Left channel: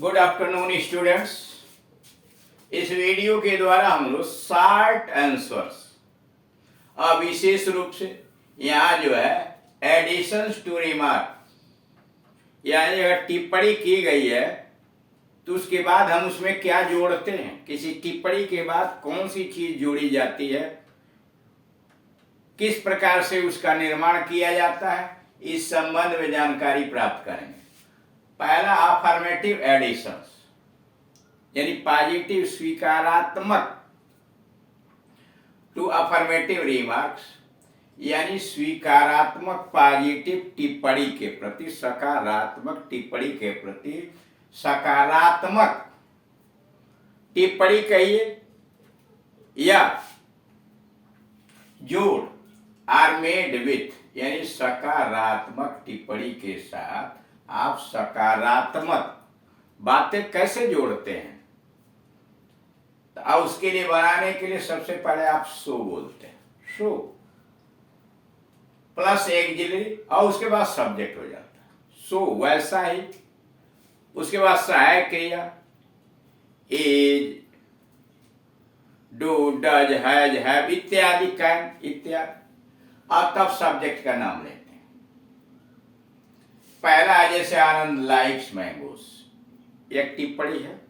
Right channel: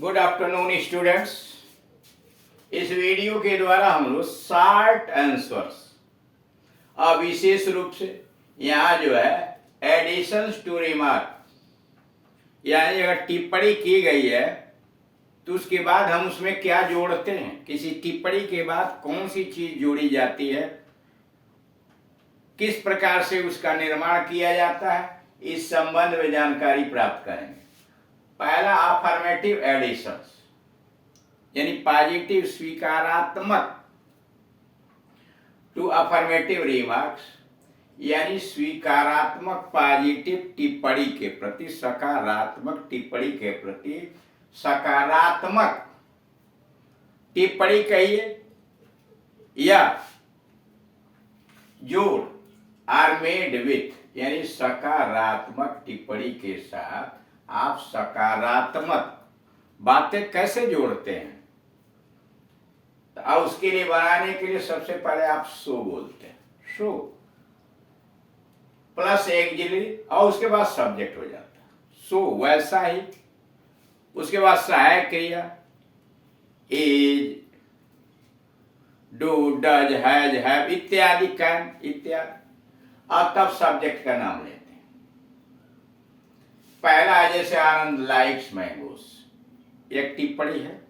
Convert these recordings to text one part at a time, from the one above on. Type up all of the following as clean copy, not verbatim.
Good afternoon students. इस video के द्वारा हम लोग शॉर्ट आंसर्स और विशेष रूप से यहाँ जो है एडिशंस टू रिमार्क, यानी अगर टिप्पणी की गई है तो उसके बाद हम उसमें क्या जोड़ते हैं, किसी टिप्पणी के बाद कौन सी चीज जोड़ी जाती है, किस प्रकार से उसका निर्माण किया जाता है, इस संबंध में जानकारी प्राप्त करेंगे। पहला अफर्मेटिव एडिशंस यानी पॉजिटिव स्वीकारात्मक टू अफर्मेटिव रिमार्क्स, यानी स्वीकारात्मक पॉजिटिव टिप्पणी के प्रति, सकारात्मक टिप्पणी के प्रति सकारात्मक टिप्पणी कहिए या जोड़ आर मेड विथ, यानी सकारात्मक टिप्पणी के साथ आप सकारात्मक बातें कैसे जोड़ते हैं। तो अब उसके लिए बनाने के लिए सबसे पहले आप सो बोलते हैं, सो प्लस एक्सिलरी और उसके बाद सब्जेक्ट हो जाता है। सो वैसा ही, उसके बाद सहायक क्रिया is, do, does, has, have इत्यादि, कैन इत्यादि, और तब सब्जेक्ट का नाम लेते हैं। पहला है जैसे आनंद लाइक्स मैंगोस, एक टिप्पणी है।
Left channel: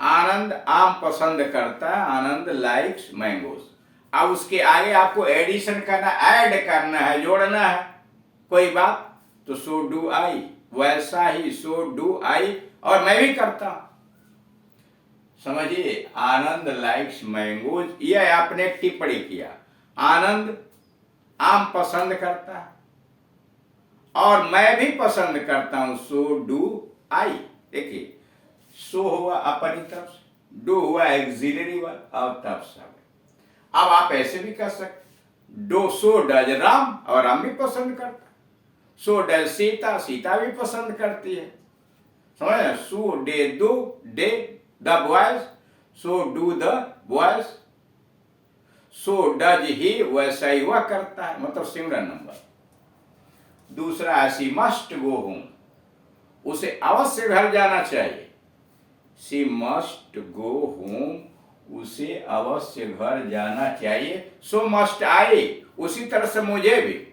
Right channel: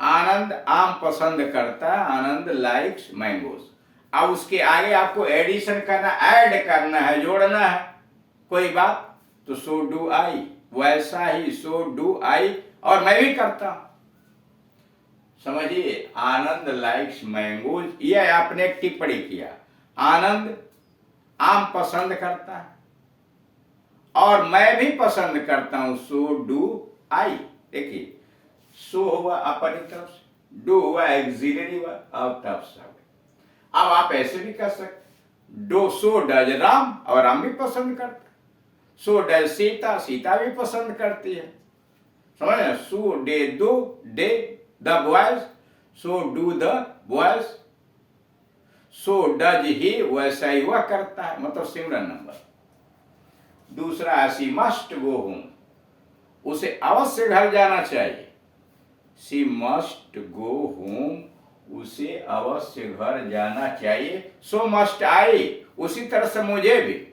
आनंद आम पसंद करता है, आनंद लाइक्स मैंगोस। अब उसके आगे आपको एडिशन करना, ऐड करना है, जोड़ना है कोई बात, तो सो डू आई, वैसा ही सो डू आई, और मैं भी करता हूं। समझिए, आनंद लाइक्स मैंगोज, यह आपने टिप्पणी किया। आनंद आम पसंद करता है और मैं भी पसंद करता हूं, सो डू आई। देखिए, सो हुआ अपनी तरफ से, डू हुआ एक्सिलरी वर्ब और तब सब। अब आप ऐसे भी कर सकते, डो सो डज राम, और राम भी पसंद करता है। सो डज सीता, सीता भी पसंद करती है। समझ, सो डे दो day the boys, so do the boys. So does he, वैसा ही वह करता है, मतलब सिमरन नंबर। दूसरा है शी मस्ट गो होम, उसे अवश्य घर जाना चाहिए। शी मस्ट गो होम, उसे अवश्य घर जाना चाहिए। सो मस्ट आई, उसी तरह से मुझे भी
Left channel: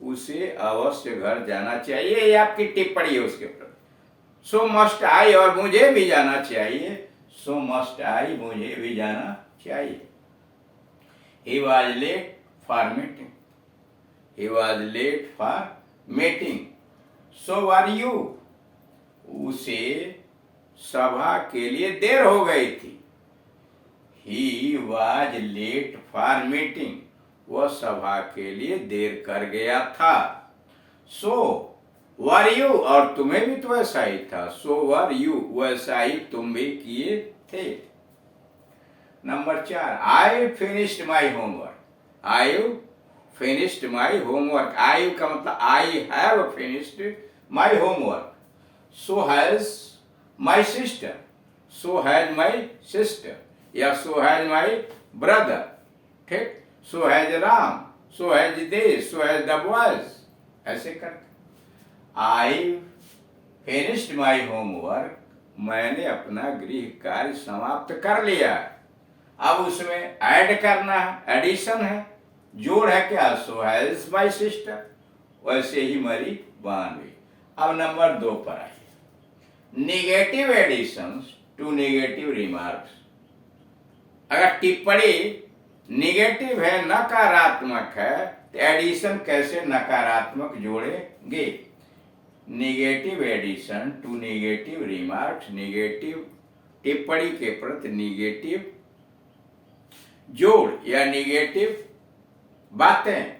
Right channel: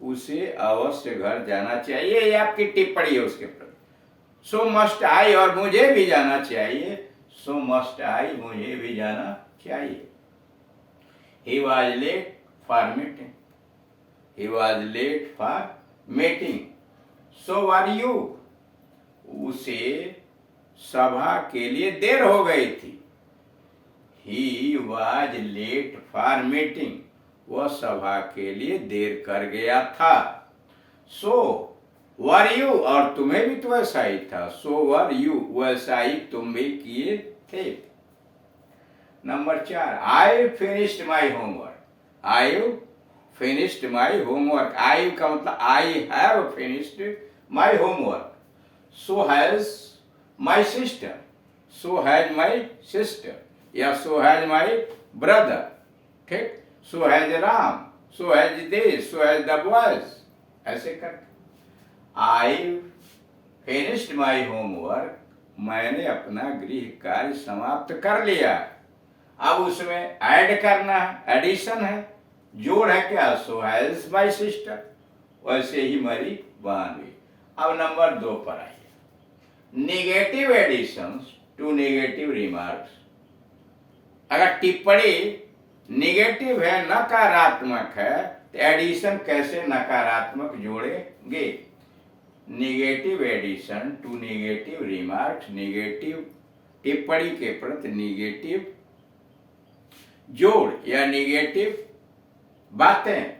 उसे अवश्य घर जाना चाहिए, ये आपकी टिप्पणी है उसके प्रति। सो मस्ट आई, और मुझे भी जाना चाहिए। सो मस्ट आई, मुझे भी जाना चाहिए। He was late for meeting. He was late for meeting. So were you? उसे सभा के लिए देर हो गई थी। He was late for meeting. वह सभा के लिए देर कर गया था। So were you, और तुम्हें भी तो ऐसा ही था। So were you, वैसा ही तुम भी किए थे। Number 4, I finished my homework. I finished my homework, I का मतलब I have finished my homework. So has my sister, so has my sister, या सो हैज माई ब्रदर। ठीक, so has Ram, so has they, so has the boys, ऐसे करते। आई finished my homework, मैंने अपना गृह कार्य समाप्त कर लिया। अब उसमें ऐड करना है, एडिशन है, जोड़ है क्या, सो हैज माई सिस्टर, वैसे ही मेरी बहन भी। अब नंबर 2 पर आइए, negative additions to negative remarks. अगर टिप्पणी निगेटिव है, नकारात्मक है, तो एडिशन कैसे नकारात्मक जोड़ेंगे। Negative addition to negative remarks, negative टिप्पणी के प्रति निगेटिव जोड़ या निगेटिव बातें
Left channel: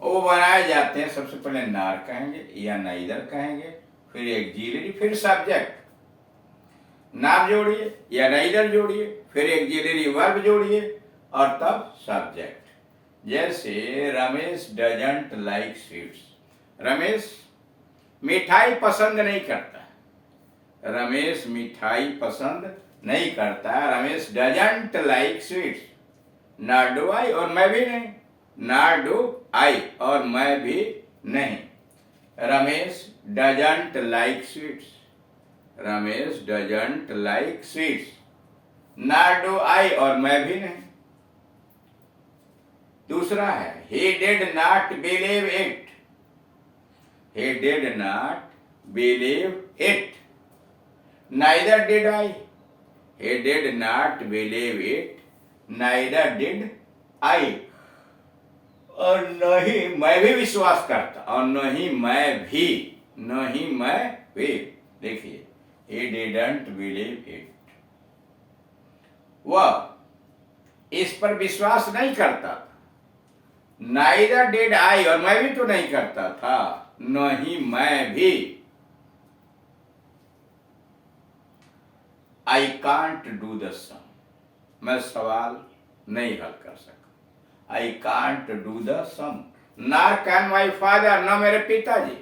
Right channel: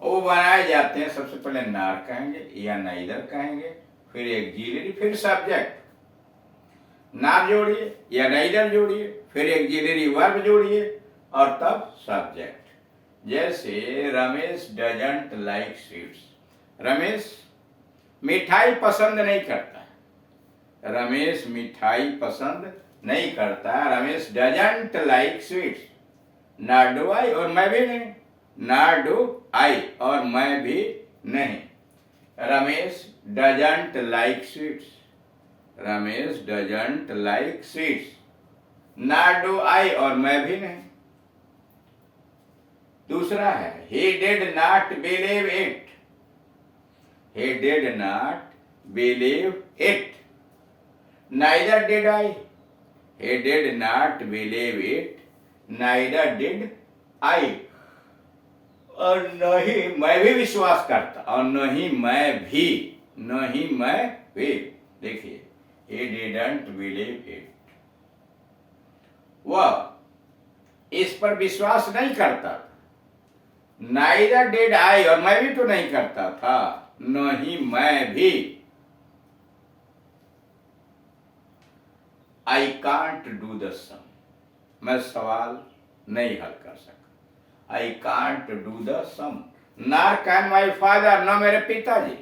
वो बनाए जाते हैं। सबसे पहले नार कहेंगे या नाइदर कहेंगे, फिर एक्सिलरी, फिर सब्जेक्ट। नार जोड़िए या नाइदर जोड़िए, फिर एक्सिलरी वर्ब जोड़िए, और तब सब्जेक्ट। जैसे Ramesh doesn't like sweets, Ramesh मिठाई पसंद नहीं करता। रमेश मिठाई पसंद नहीं करता। Ramesh doesn't like sweets, not do I, और मैं भी नहीं, नॉट डू आई, और मैं भी नहीं। Ramesh doesn't like sweets, Ramesh doesn't like sweets, not do I, और मैं भी नहीं। दूसरा है he did not believe it, he did not believe it, neither did I, he did not believe it, neither did I, और नहीं मैं भी विश्वास करता, और नहीं मैं भी, नहीं मैं भी। देखिए he didn't believe it, वह इस पर विश्वास नहीं करता था। Neither did I, और मैं भी तो नहीं करता था, नहीं मैं भी। I can't do the sum, मैं सवाल नहीं हल कर सका। I can't do the sum, nor can my father, न मेरे पिताजी।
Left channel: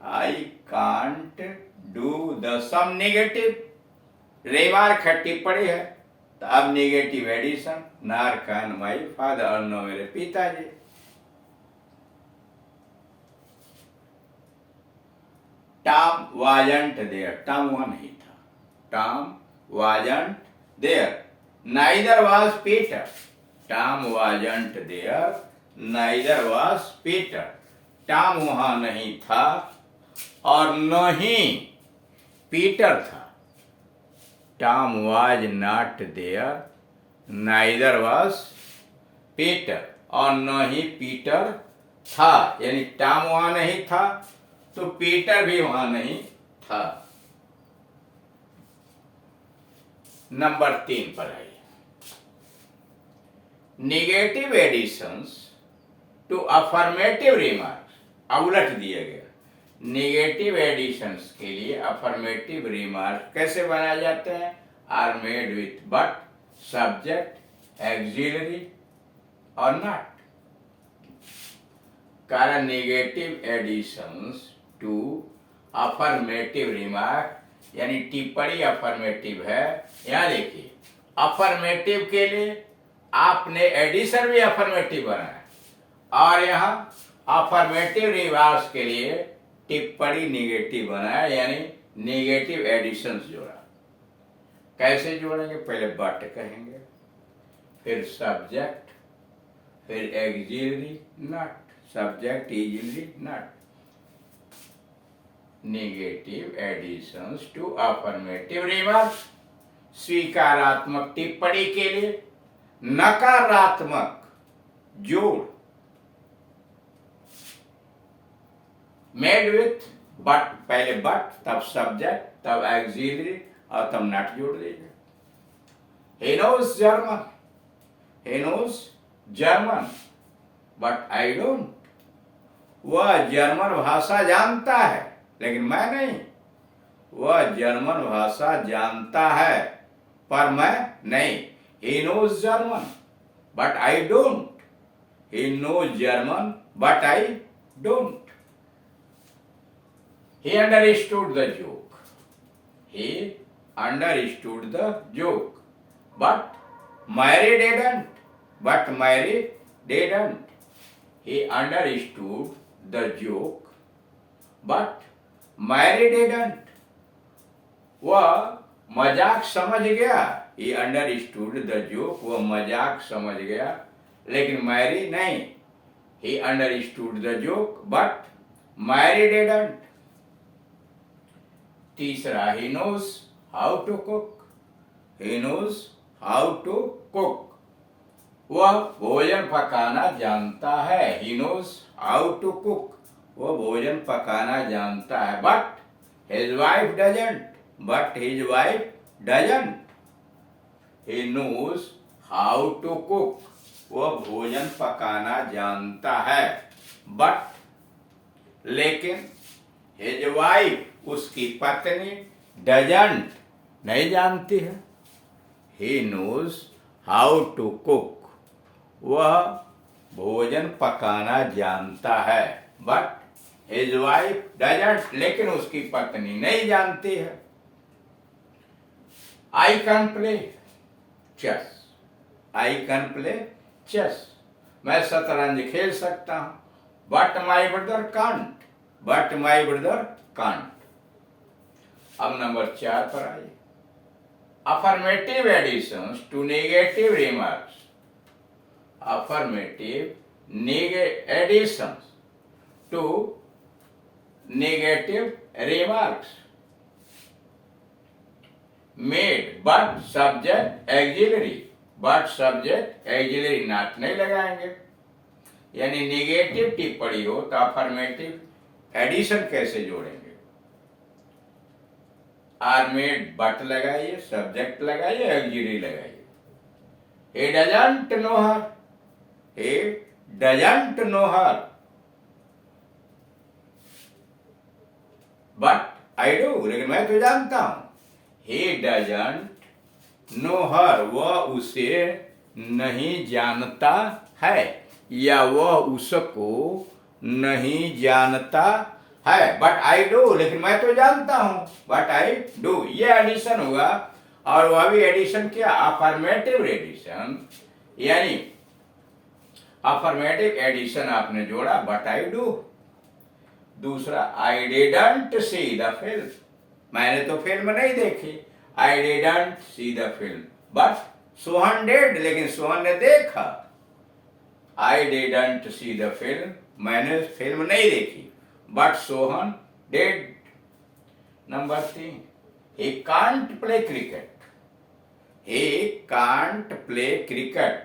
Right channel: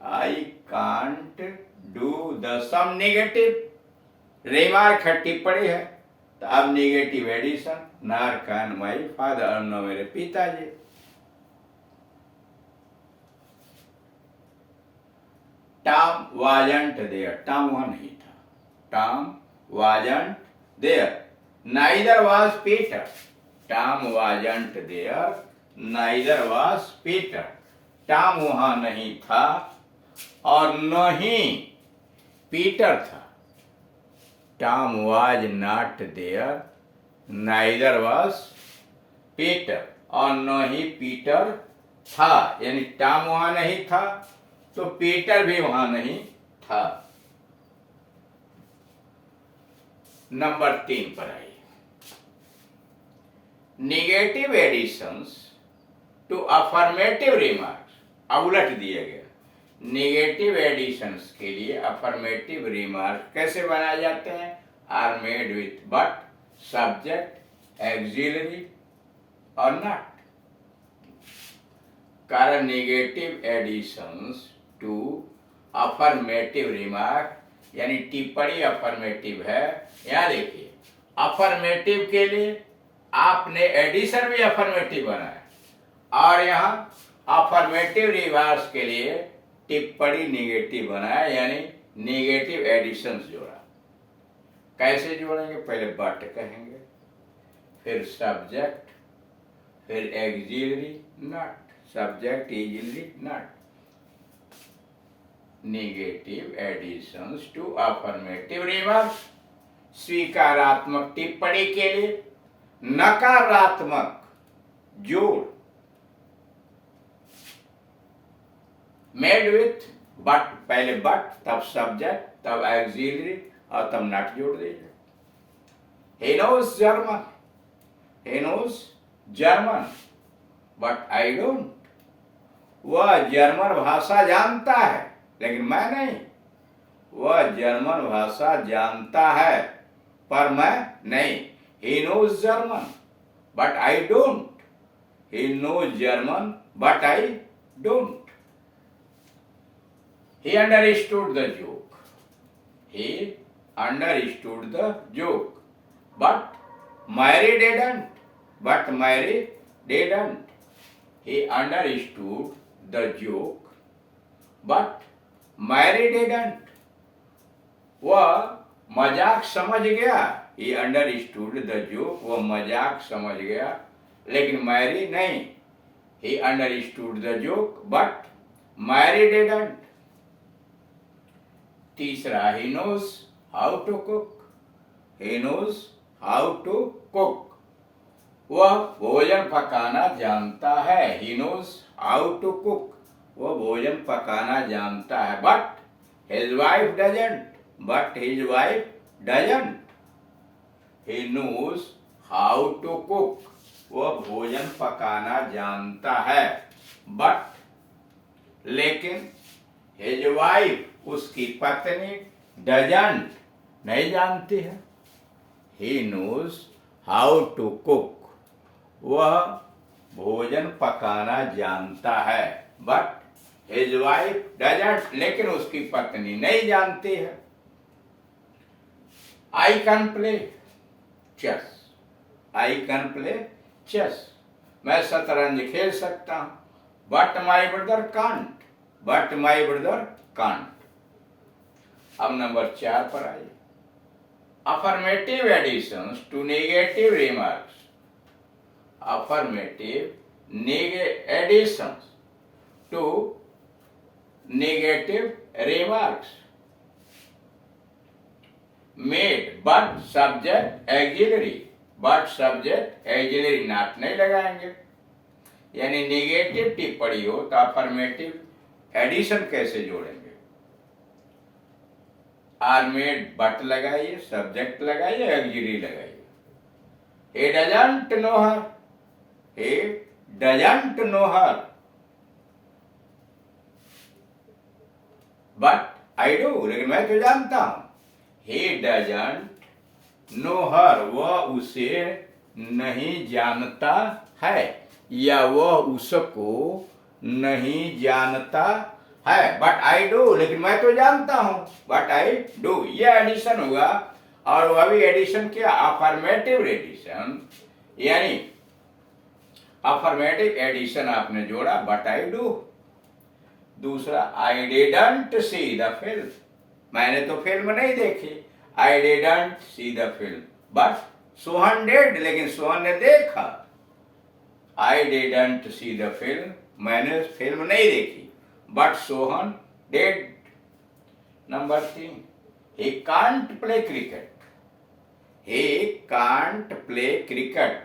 I can't do the sum, negative remark है, टिप्पणी है, तो अब negative addition, nor can my father, न मेरे पिताजी। टॉम वाजंट देयर, टॉम वहां नहीं था, Tom wasn't there, neither was Peter, Tom wasn't there, neither was Peter, Tom वहां नहीं था और न ही पीटर था। Tom was not there, neither was Peter, और न ही पीटर था, यानी टॉम वहां नहीं था तो पीटर भी वहां नहीं था। नंबर 3 पर आइए, negative additions to affirmative remarks, अब उलट दिया गया। नेगेटिव एडिशंस के लिए अफर्मेटिव रिमार्क कैसे बनाए जाते हैं? Are made with but, subject, auxiliary और नॉट। कारण negative additions to affirmative remark यानी टिप्पणी अफर्मेटिव है। यहां देखिए, अफर्मेटिव के लिए आपने एडिशन भी अफर्मेटिव बनाया और यहां अफर्मेटिव रिमार्क्स के लिए टिप्पणी नेगेटिव बनाया, यानी नेगेटिव एडिशंस जोड़ा। कैसे जोड़ेंगे? पहले बट कहेंगे, फिर सब्जेक्ट, फिर auxiliary not, subject auxiliary not. Negative additions to affirmative remarks, स्वीकारात्मक टिप्पणी के लिए नकारात्मक जोड़, मेड विथ बट, पहले बट तब सब्जेक्ट तब एक्सिलरी और तब नॉट जोड़ दीजिए। he knows German, he knows German but I don't, वह जर्मन भाषा जानता है लेकिन मैं नहीं। वह जर्मन भाषा जानता है पर मैं नहीं। he knows German but I don't, he knows German but I don't। He understood the joke, he understood the joke, but Mary didn't, but Mary didn't। He understood the joke but Mary didn't, वह मजाक समझ गया। He understood the joke, वह मजाक समझ गया लेकिन Mary नहीं। He understood the joke but Mary didn't। तीसरा, he knows how to cook, he knows how to cook, वह भोजन पकाना जानता है। he knows how to cook, वह भोजन पकाना जानता है। but his wife doesn't, but his wife doesn't। he knows how to cook, वह भोजन पकाना जानता है but, लेकिन his wife, उसकी पत्नी, doesn't, नहीं जानती है। he knows how to cook, वह भोजन पकाना जानता है but his wife doesn't, लेकिन उसकी पत्नी नहीं जानती है। I can play chess, I can play chess, मैं शतरंज खेल सकता हूं but my brother can't, but my brother can't. अब नंबर 4 पर आइए। Affirmative additions to negative remarks. Affirmative additions to negative remarks made but subject auxiliary. But subject auxiliary not नहीं लगाएंगे, यानी नेगेटिव टिप्पणी हो तो अफर्मेटिव एडिशन कैसे जोड़ेंगे? आर मेड बट लगाइए, सब्जेक्ट लगाइए, एक्सिलरी लगाइए। he doesn't know her, he doesn't know her, but I do, लेकिन मैं तो जानता हूं। he doesn't know her, वह उसे नहीं जानता है या वह उसको नहीं जानता है। बट आई डू, लेकिन मैं तो जानता हूं। बट आई डू, ये एडिशन हुआ। और वह भी एडिशन क्या? अफर्मेटिव एडिशन, यानी अफर्मेटिव एडिशन आपने जोड़ा, बट आई डू। दूसरा, I didn't see the film, मैंने तो फिल्म नहीं देखी। I didn't see the film, but Sohan did, लेकिन सोहन ने देखा। I didn't see the film, मैंने फिल्म नहीं देखी, but Sohan did. Number 3, he can't play cricket, he can't play cricket,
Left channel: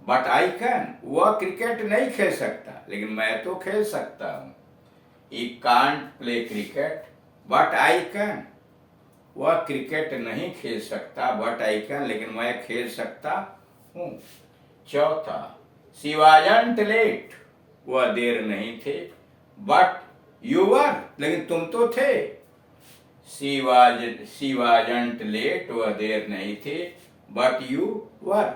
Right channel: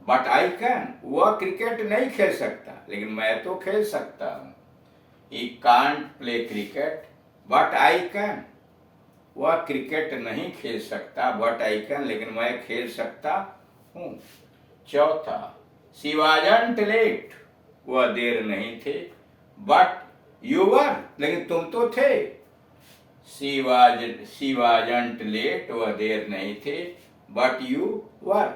but I can, वह क्रिकेट नहीं खेल सकता लेकिन मैं तो खेल सकता हूँ। he can't play cricket, but I can, वह क्रिकेट नहीं खेल सकता, but I can, लेकिन मैं खेल सकता हूँ। चौथा, she wasn't late, वह देर नहीं थे, but you were, लेकिन तुम तो थे। she wasn't late, वह देर नहीं थे, but you were।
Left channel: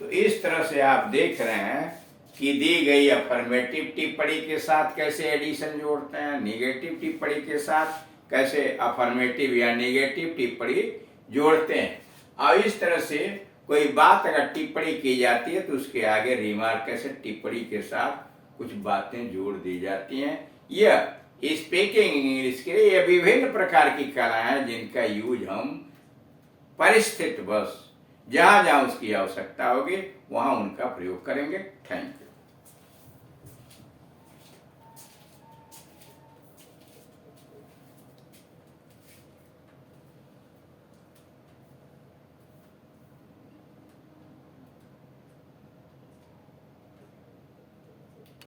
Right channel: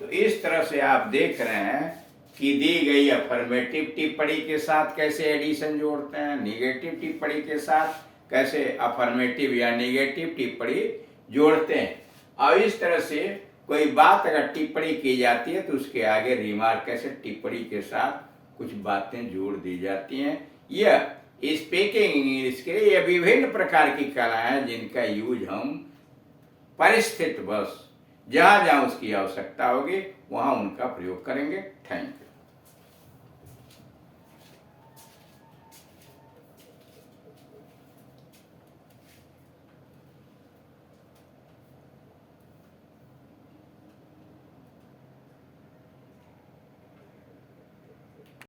तो इस तरह से आप देख रहे हैं कि दी गई अफर्मेटिव टिप्पणी के साथ कैसे एडिशन जोड़ते हैं, निगेटिव टिप्पणी के साथ कैसे अफर्मेटिव या निगेटिव टिप्पणी जोड़ते हैं। और इस तरह से कोई बात अगर टिप्पणी की जाती है तो उसके आगे रिमार्क कैसे टिप्पणी के साथ कुछ बातें जोड़ दी जाती हैं। यह स्पीकिंग इंग्लिश के लिए ये विभिन्न प्रकार की कला हैं जिनका यूज हम परिस्थिति बस जहां जहां उसकी आवश्यकता होगी वहां उनका प्रयोग करेंगे। Thank you.